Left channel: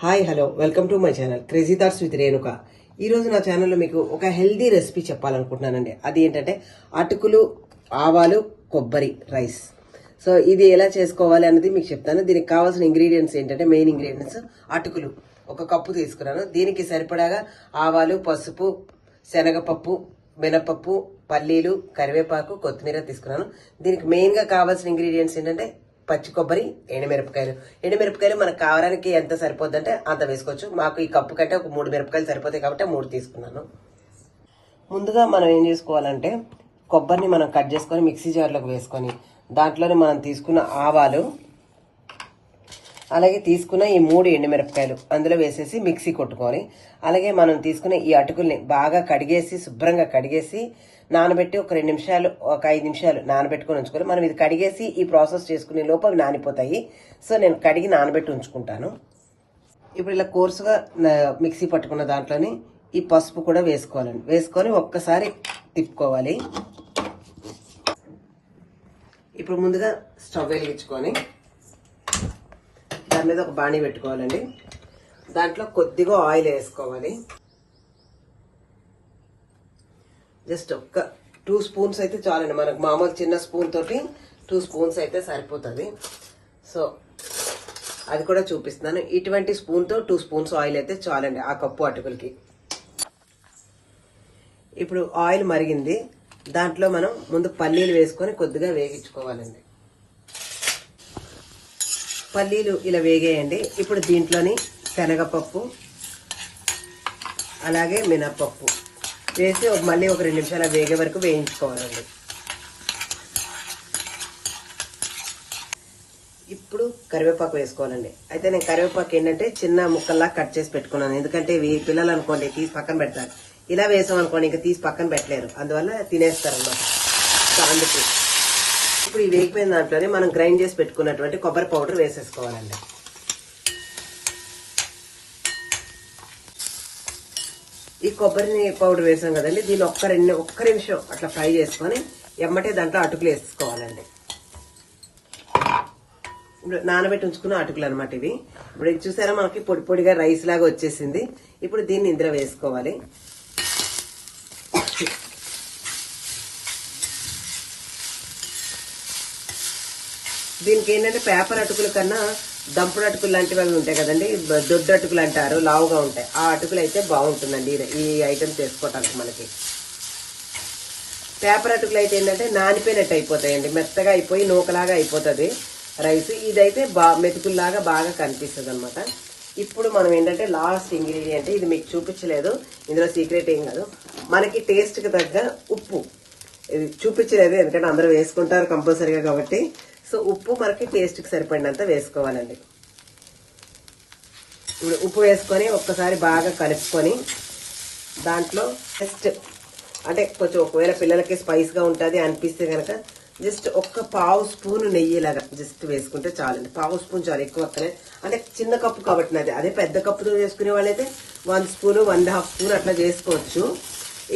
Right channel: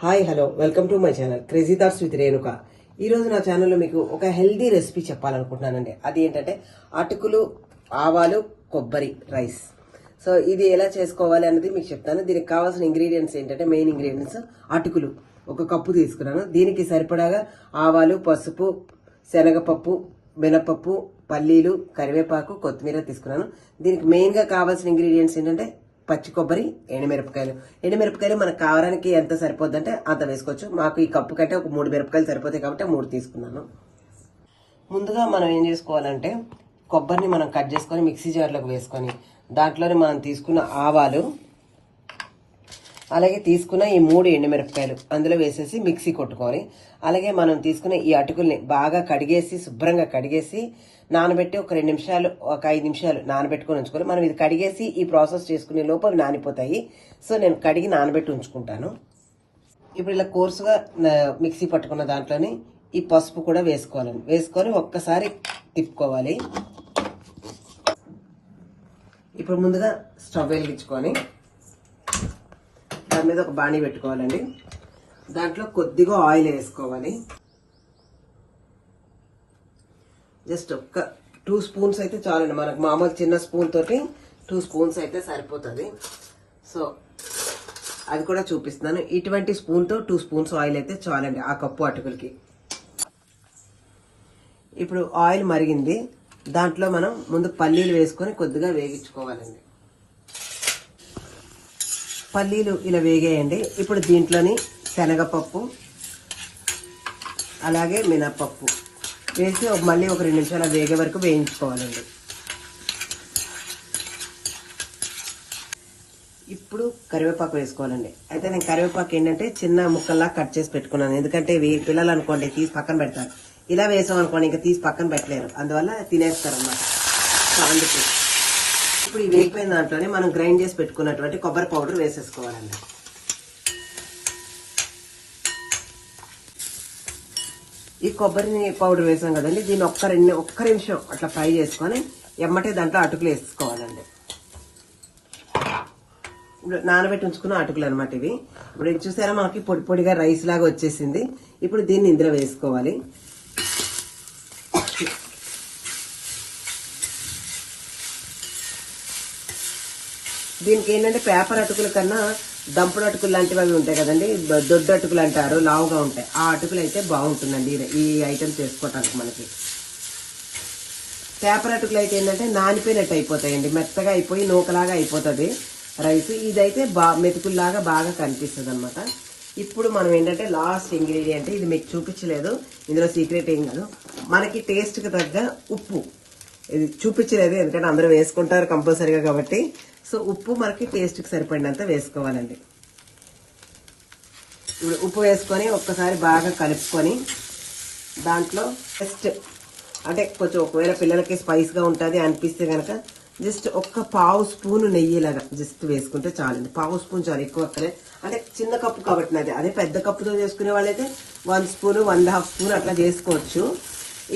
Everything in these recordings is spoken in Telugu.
Hi hello welcome to my channel crazy thoughts with Renuka. ఈ రోజు నా ఛానల్లో మీకు ఒక హెల్దీ రెసిపీ చెప్పాలనుకుంటున్నానండి. అది ఏంటంటే అటుకులు, ఆవాలు, కొబ్బరి రైస్. సో ఇది ఎలా చేసుకోవాలి అనేది మీకు చెప్తాను. దీనికి కావాల్సిన ఇంగ్రీడియంట్స్ ఏంటంటే మెయిన్ ఇంగ్రీడియంట్స్ అటుకులు ఒక కప్పు తీసుకున్నాను. దీనికి సరిపడాగా ఆవాలు, పసుపు, శనగపప్పు, మినపప్పు, పల్లీలు, కరివేపాకు, కొత్తిమీర తీసుకున్నాను. దీనికి మెయిన్గా కావాల్సిన ఇంగ్రీడియంట్స్ ఏంటంటే పచ్చి కొబ్బరి, ఎండుమిరపకాయలు. ఎండుమిరపకాయలు మనకు కావడానికి ఎంత సరిపోద్దంటే అంత వేసుకోవచ్చు. మాకు ఈ కప్పు కంటే ఒక 3 మిరపకాయలు సరిపోతాయి కాబట్టి 3 తీసుకున్నాను. ముందుగా మనం ఏం చేసుకోవాలంటే కొబ్బరిని మనం కట్ చేసుకొని మిక్సీ జార్లోకి వేసుకొని దాంట్లోనే మనం తీసుకున్న ఆవాలు, అలాగే తీసుకున్న ఈ 3 ఎండుమిరపకాయలు అందులో వేసేసి మిక్సీ కొట్టుకొని, అలాగే మనం తీసుకునే ఈ అటుకుల్ని బాగా కడిగేసి శుభ్రంగా కడిగేసి నానబెట్టి ఒక 2 నిమిషాలు, ఒక 5 నిమిషాలు నానబెట్టుకుని ఉంచుకోవాలి. మనం ఇది కడిగేసి ఈ ప్రాసెస్ చేసుకునే లోపల నానిపోతాయి. సో నేను కడిగి నానబెట్టి ఉంచుకుంటాను. ఇప్పుడు ఇలా కోర్సుగా మిక్సీ పట్టుకున్న దాంట్లోని ఈ పసుపు కూడా వేసుకోవాలండి. వేసుకొని ఒక్కసారి తిప్పుకోవాలి. ఇప్పుడు ముందుగా స్టవ్ వెలిగించుకొని దాని మీద ఒక బాణీ పెట్టుకోవాలండి. దాంట్లో కొద్దిగా ఆయిల్ వేసుకోవాలి. జస్ట్ ఒక్క 2 స్పూన్స్ అయితే చాలండి. మనకు మామూలు చిన్న స్పూన్ తోటి 2 స్పూన్స్ అయితే సరిపోతుంది. సో అది కూడా చూపిస్తున్నాను. ఇటువంటి స్పూన్తో 2 స్పూన్స్ ఆయిల్ అయితే చాలండి ఆ కప్పు అటుకులకి. ఇప్పుడు ఆయిల్ మరిగింది. దాంట్లో మనం ముందు పల్లీలు వేసుకొని కొద్దిగా వేగించుకోవాలండి. పల్లీలు ఇలా వేగేయండి. ఇప్పుడు దీంట్లోని శనగపప్పు, అలాగే మినపప్పు వేసి మళ్ళీ ఒక 2 నిమిషాలు వేగే వరకు వేయించుకోవాలండి. ఇప్పుడు కరివేపాకు వేసుకోవాలండి. అయితే నేను కరివేపాకు ఏంటంటే చిన్న ముక్కల్లా కట్ చేసి పెట్టుకున్నాను. ఎందుకంటే పిల్లలు అనుకోండి తీసి పక్కన పెడతారు. ఇలా వేసాం అనుకోండి ఇంకా తీసి పక్కన పెట్టలేరు, అందువల్ల తినేస్తారు అన్నమాట. అందుకు ఇప్పుడు ఈ వేగిపోయిన దాంట్లోనే మనం గ్రైండ్ చేసి పెట్టుకున్నటువంటి కొబ్బరి పౌడర్ వేసేసుకోవాలండి. ఈ కొబ్బరి పౌడర్ వేసాం కదండి, దీన్ని ఒక్క నిమిషం అట్లా ఫ్రై చేసుకొని ఎమ్మటే దాంట్లో అటుకులు వేసుకోవాలండి. ఇప్పుడు నానబెట్టి ఉంచుకున్న అటుకులు అనమాట ఇవి. ఇప్పుడు ఇది చూసారా మనకి పొడి పొడిగా రైస్ లాగా వచ్చేసింది. ఇప్పుడు దీన్ని ఇందులో వేసుకోవాలి. దీనికి ఏంటంటే పేపర్ అటుకుల కన్నా దంపుడు అటుకులు లాంటివి అవి ఉంటాయి కదండి, దొడ్డు అటుకులు అంటారు, లావుగా ఉంటాయి. ఆ అటుకులు అయితే బాగుంటుందండి ఈ ఐటమ్ చేసుకోవటానికి. మనకి పేపర్ అటుకులు అయితే ఏంటంటే నానిపోయినట్టు అయిపోతాయండి, మెత్తగా అయిపోయి నూకలాగా అయిపోతుంది రైస్. ఇదైతే మెతుకుల్లాగా బాగా కనిపిస్తుంది అనమాట. ఇప్పుడు మనం ఏంటంటే లాస్ట్ ఇంగ్రీడియంట్, ఇది మీకు చూపించలేదు, ఇందులో సీక్రెట్ ఏం కాదు, మనకి టేస్ట్కి తగ్గ ఉప్పు. ఇది చూపించలేదు ఎందుకంటే అందరూ వేసుకుంటారు కంపల్సరీగా కాబట్టి. సో ఉప్పు మనకి టేస్ట్కి సరిపడినంత వేసుకోవాలండి. ఇప్పుడు ఉప్పు వేసుకొని ఒక్కసారి బాగా కలుపుకొని దాంట్లో జస్ట్ అంటే కొంచెం ఒకవేళ పిల్లలకి స్పైస్గా ఉంటుంది అనిపిస్తే కనుక జస్ట్ ఒక్క పావు స్పూన్ నెయ్యిలాగా జస్ట్ వేసుకుంటే చాలండి. పావు స్పూన్ చాలు, ఎక్కువ అక్కడే. అంటే చిన్న కప్పు కాబట్టి నాది, అదే పెద్ద కప్పుతో వేసుకునే వాళ్ళైతే 1 స్పూన్ 1.5 స్పూన్ అట్లా చేసుకోవచ్చు.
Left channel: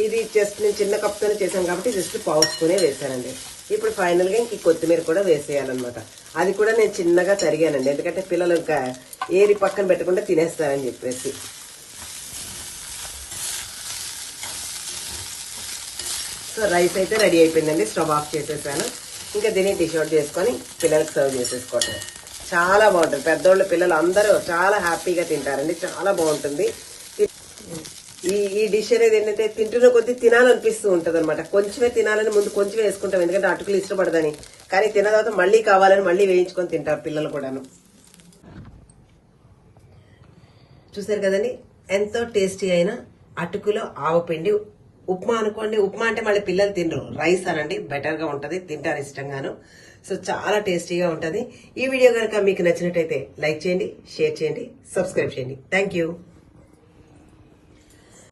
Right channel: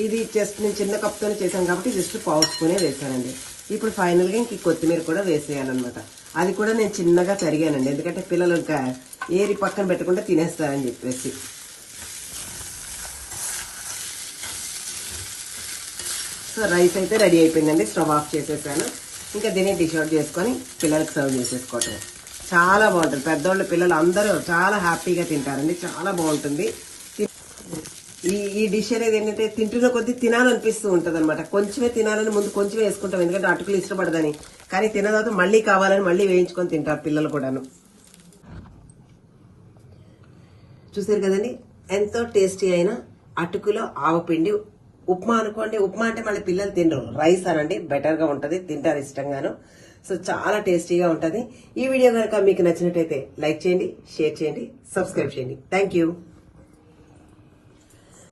ఇది జస్ట్ నేను చిన్న కప్పుతోనే చేశాను కాబట్టి జస్ట్ పావు స్పూనే వేసానండి. ఇప్పుడు ఫైనల్గా ఇంక కొత్తిమీర కూడా వేసేయాలన్నమాట. అది కూడా నేను చిన్నగా తరిగానండి, ఎందుకంటే పిల్లలు ఇంకా ఏరి పక్కన పెట్టకుండా తినేస్తారని చెప్పేసి. సో రైస్ అయితే రెడీ అయిపోయిందండి. స్టవ్ ఆఫ్ చేసేసాను. ఇంకా దీన్ని డిష్ అవుట్ చేసుకొని పిల్లలకు సర్వ్ చేసేసుకోవటం. చాలా బాగుంటుంది. పెద్దోళ్ళు పిల్లలు అందరూ చాలా హ్యాపీగా తింటారండి, చాలా బాగుంటుంది. ఈ డిష్ అనేది ఏంటంటే తింటున్న కొద్దీ తినాలనిపిస్తూ ఉంటుంది అనమాట. కొంచెమే తినాలని ముందు కొంచెమే వేసుకుంటాం, ఎందుకంటే అటుకులు ఇష్టపడదని. కానీ తిన్న తర్వాత మళ్ళీ కావాలని మళ్ళీ వేయించుకొని తింటారు పిల్లలు కూడాను. చూసారు కదండి, ఎంతో టేస్టీ అయిన అటుకులో ఆవపిండి ఉప్మా అనుకోండి. ఉప్మా అంటే మళ్ళీ పిల్లలు తినరు, రైస్ అనండి, బెటర్ గా ఉంటది, తింటారు ఇష్టంగాను. సో చాలా టేస్టీగా ఉంటది. ఈ వీడియో కనుక మీకు నచ్చినట్టయితే లైక్ చేయండి, షేర్ చేయండి, సబ్స్క్రైబ్ చేయండి. Thank you.